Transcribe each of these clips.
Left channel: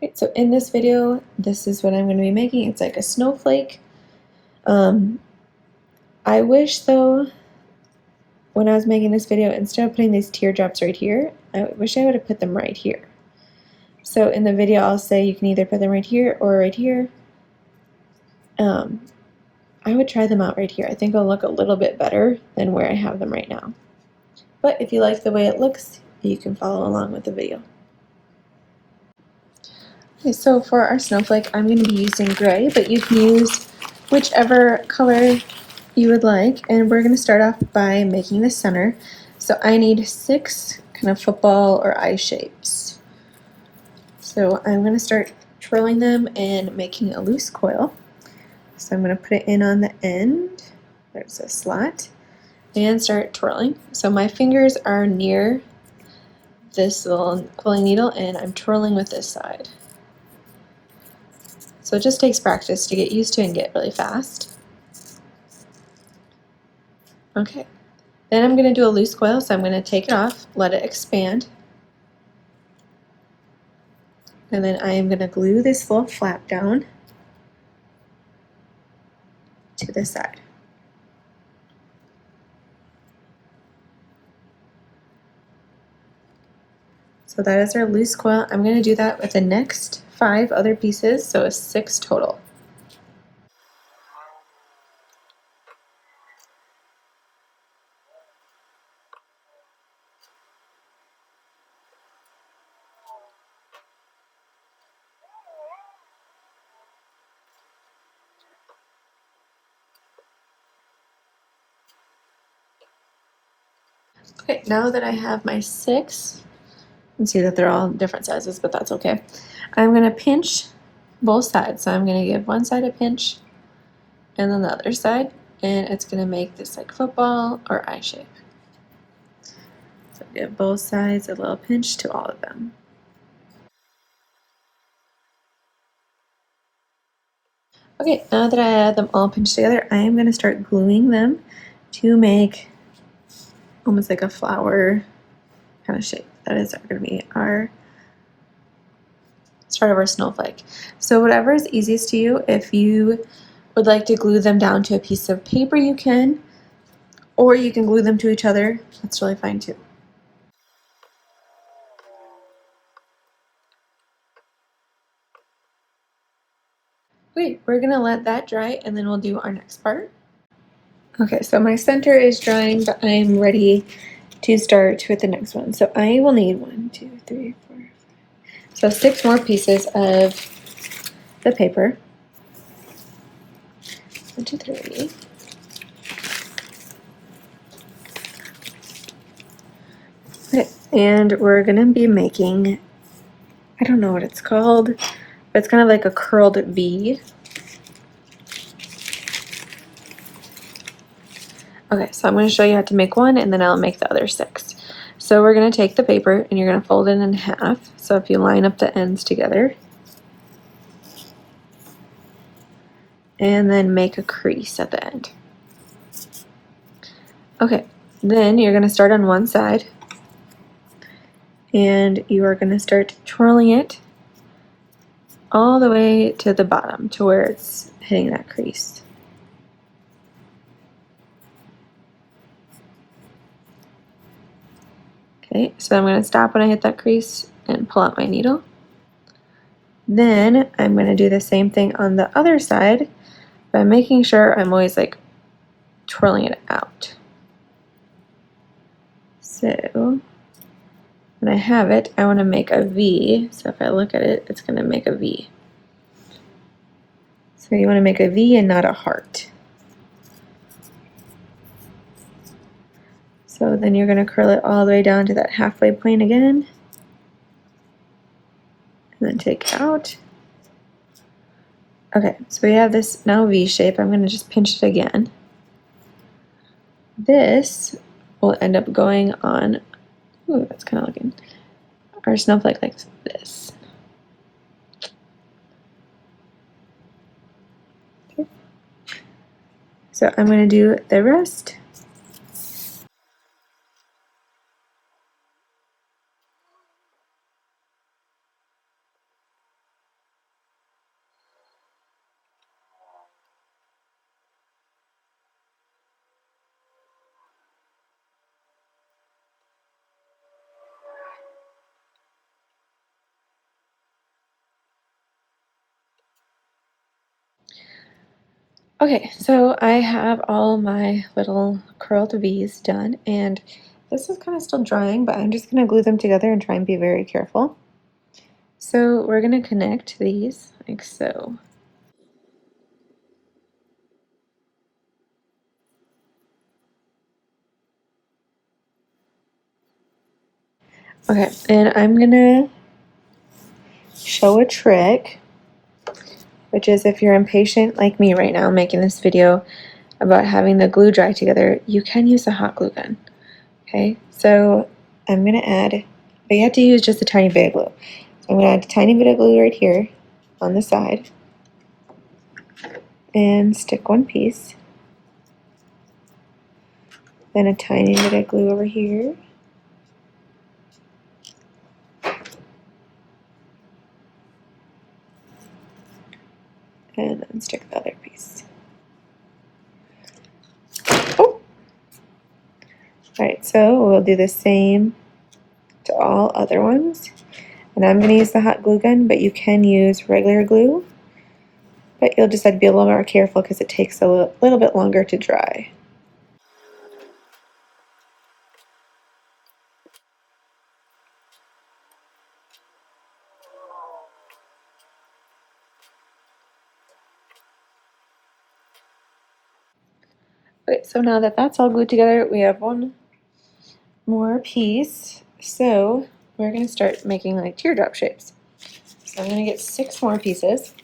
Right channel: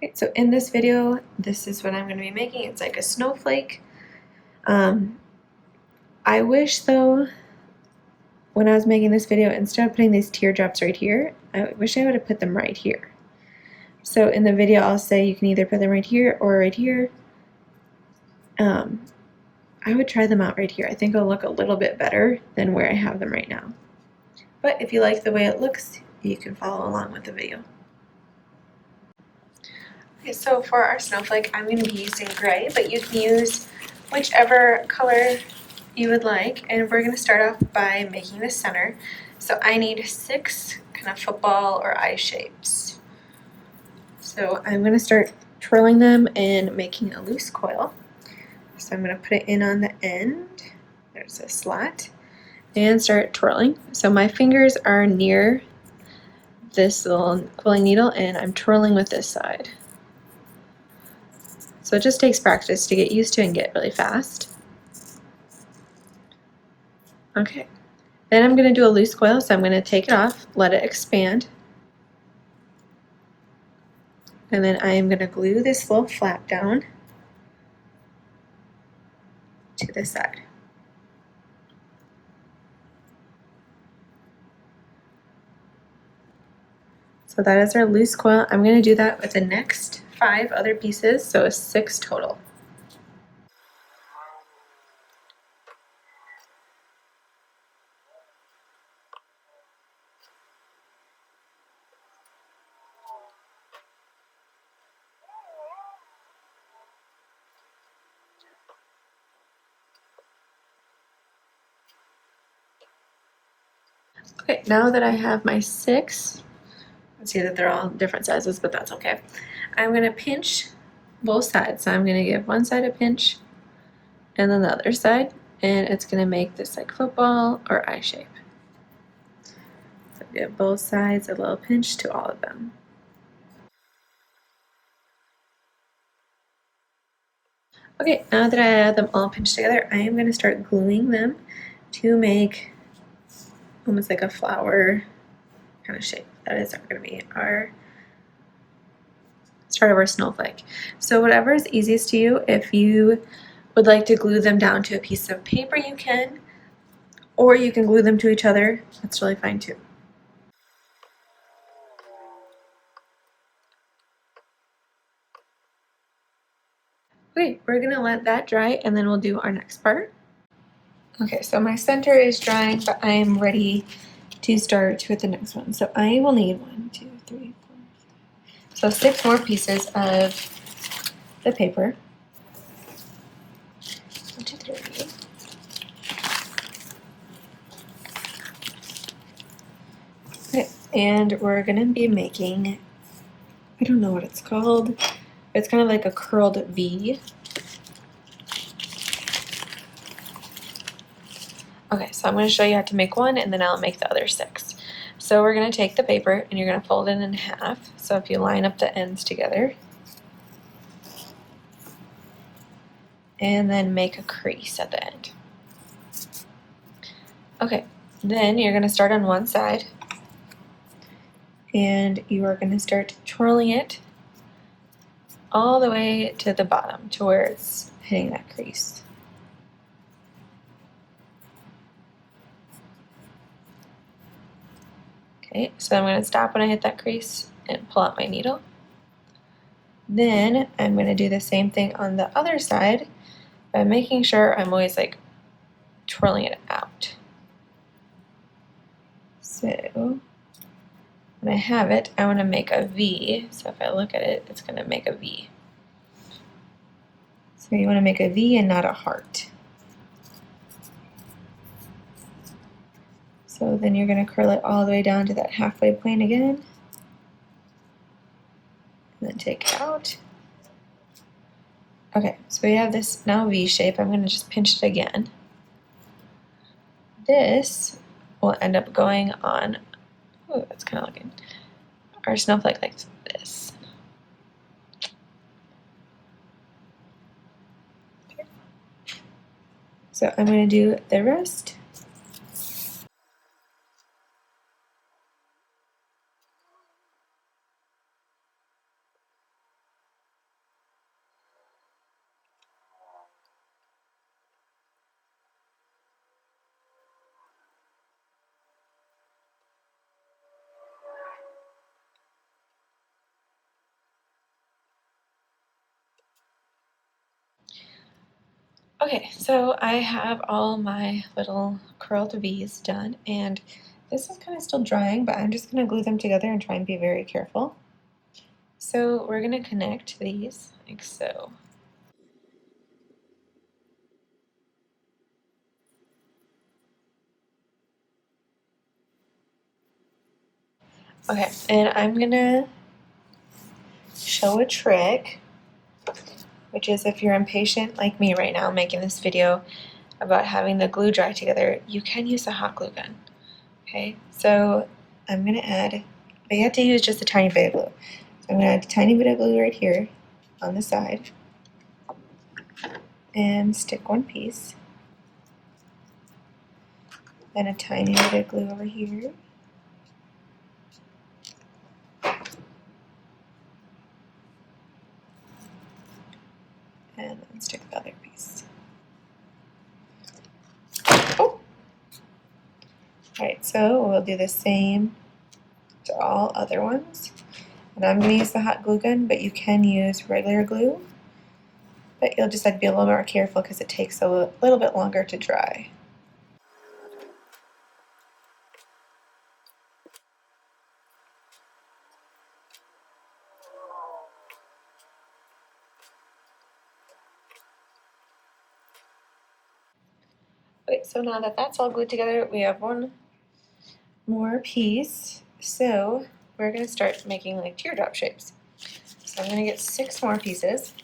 Okay, so in this video, this is what I'm going to be making. It's like a snowflake. I wish though, when I was making this video, instead of putting these teardrops right here, I wish I would have put them right here. So in the video, I'll say you can either put them right here or right here. I would try them out right here. I think it'll look a little bit better than where I have them right now. But if you like the way it looks, you can follow along with the video. Okay, so for our snowflake, I'm going to be using gray, but you can use whichever color you would like. And we're going to start off by making the center. So I need 6 kind of football or eye shapes. So I'm going to start twirling them and making a loose coil. So I'm going to put it in on the end. There's a slot. And start twirling. So my fingers are near this little quilling needle and I'm twirling with this side. So it just takes practice to get used to and get really fast. Okay, then I'm going to do a loose coil, so I'm going to take it off, let it expand, and then I am going to glue this little flap down to the side. So that is our loose coil. I'm going to do that with the next 5 other pieces, so it's 6 total. Okay, now that I have my 6, you can see that they're all different sizes, but that's okay. I'm going to pinch both sides. So I'm going to give one side a pinch and then the other side, and it's going to make this like football or eye shape. So give both sides a little pinch to all of them. Okay, now that I have them all pinched together, I am going to start gluing them to make almost like a flower kind of shape. That is going to be our start of our snowflake. So whatever is easiest to you, if you would like to glue them down to a piece of paper, you can, or you can glue them to each other. That's really fine too. Okay, we're gonna let that dry and then we'll do our next part. Okay, so my center is drying, but I'm ready to start with the next one. So I will need 1, 2, 3, 4, 5. So 6 more pieces of the paper. 1, 2, 3. Okay, and we're gonna be making, I don't know what it's called, but it's kind of like a curled V. Okay, so I'm going to show you how to make one and then I'll make the other 6. So we're going to take the paper and you're going to fold it in half. So if you line up the ends together and then make a crease at the end. Okay, then you're going to start on one side and you are going to start twirling it all the way to the bottom to where it's hitting that crease. Okay, so I'm going to stop when I hit that crease and pull out my needle. Then I'm going to do the same thing on the other side by making sure I'm always like twirling it out. So when I have it, I want to make a V. So if I look at it, it's going to make a V. So you want to make a V and not a heart. So then you're going to curl it all the way down to that halfway point again. And then take it out. Okay, so we have this now V shape. I'm going to just pinch it again. This will end up going on, ooh, that's kind of looking, our snowflake like this. Okay. So I'm going to do the rest. Okay, so I have all my little curled V's done, and this is kind of still drying, but I'm just going to glue them together and try and be very careful. So we're going to connect these like so. Okay, and I'm going to show a trick, which is if you're impatient like me right now making this video about having the glue dry together, you can use a hot glue gun. Okay, so I'm going to add, but you have to use just a tiny bit of glue. So I'm going to add a tiny bit of glue right here on the side and stick one piece. Then a tiny bit of glue over here. And then stick the other piece. Oh. Alright, so we'll do the same to all other ones. And I'm going to use the hot glue gun, but you can use regular glue. But you'll just have to be a little more careful because it takes a little bit longer to dry. Okay, so now that that's all glued together, we have one more piece. So we're going to start making like teardrop shapes. So I'm going to get 6 more pieces.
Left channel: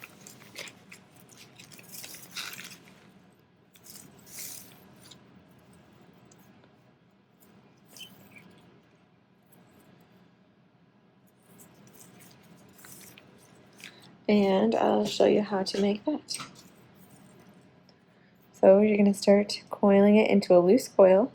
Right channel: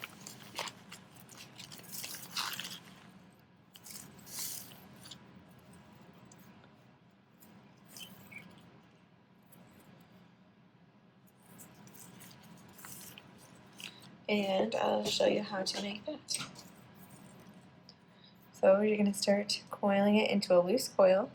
And I'll show you how to make that. So you're going to start coiling it into a loose coil.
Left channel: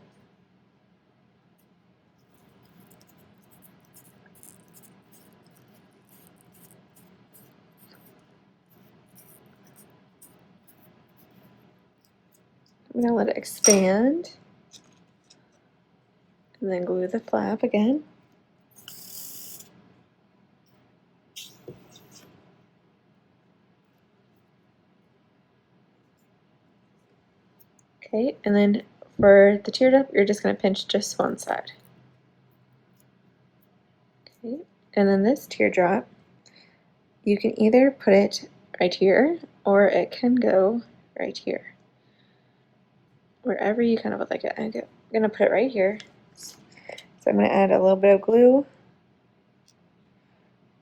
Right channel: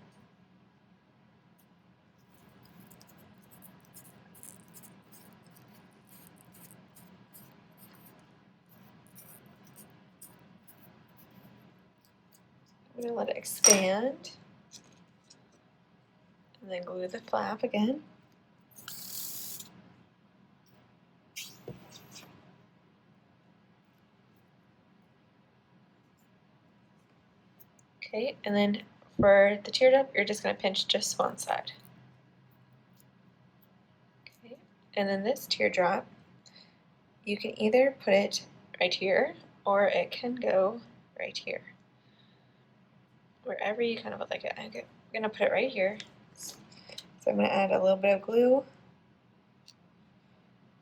I'm going to let it expand. And then glue the flap again. Okay, and then for the teardrop, you're just going to pinch just one side. Okay, and then this teardrop, you can either put it right here, or it can go right here. Wherever you kind of would like it. I'm going to put it right here. So I'm going to add a little bit of glue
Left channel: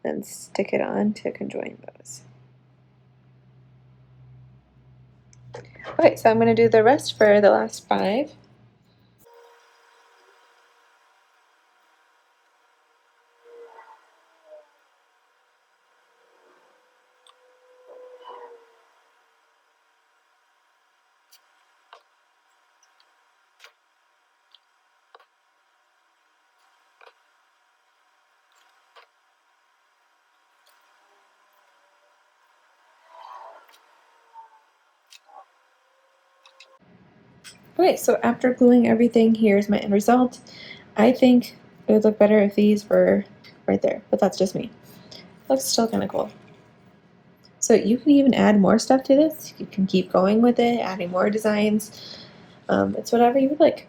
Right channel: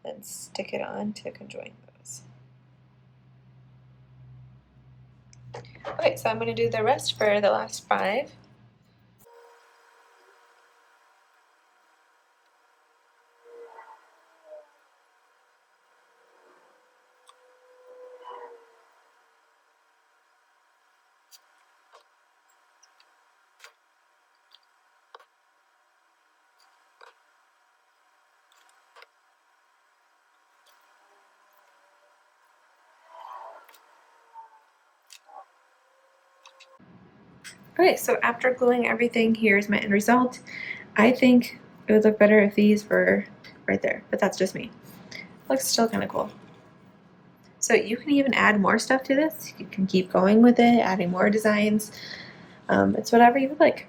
and stick it on to conjoin those. Okay, so I'm going to do the rest for the last 5. Okay, so after gluing everything, here's my end result. I think it would look better if these were right there, but that's just me. Looks still kind of cool. So you can even add more stuff to this. You can keep going with it, adding more designs. It's whatever you would like.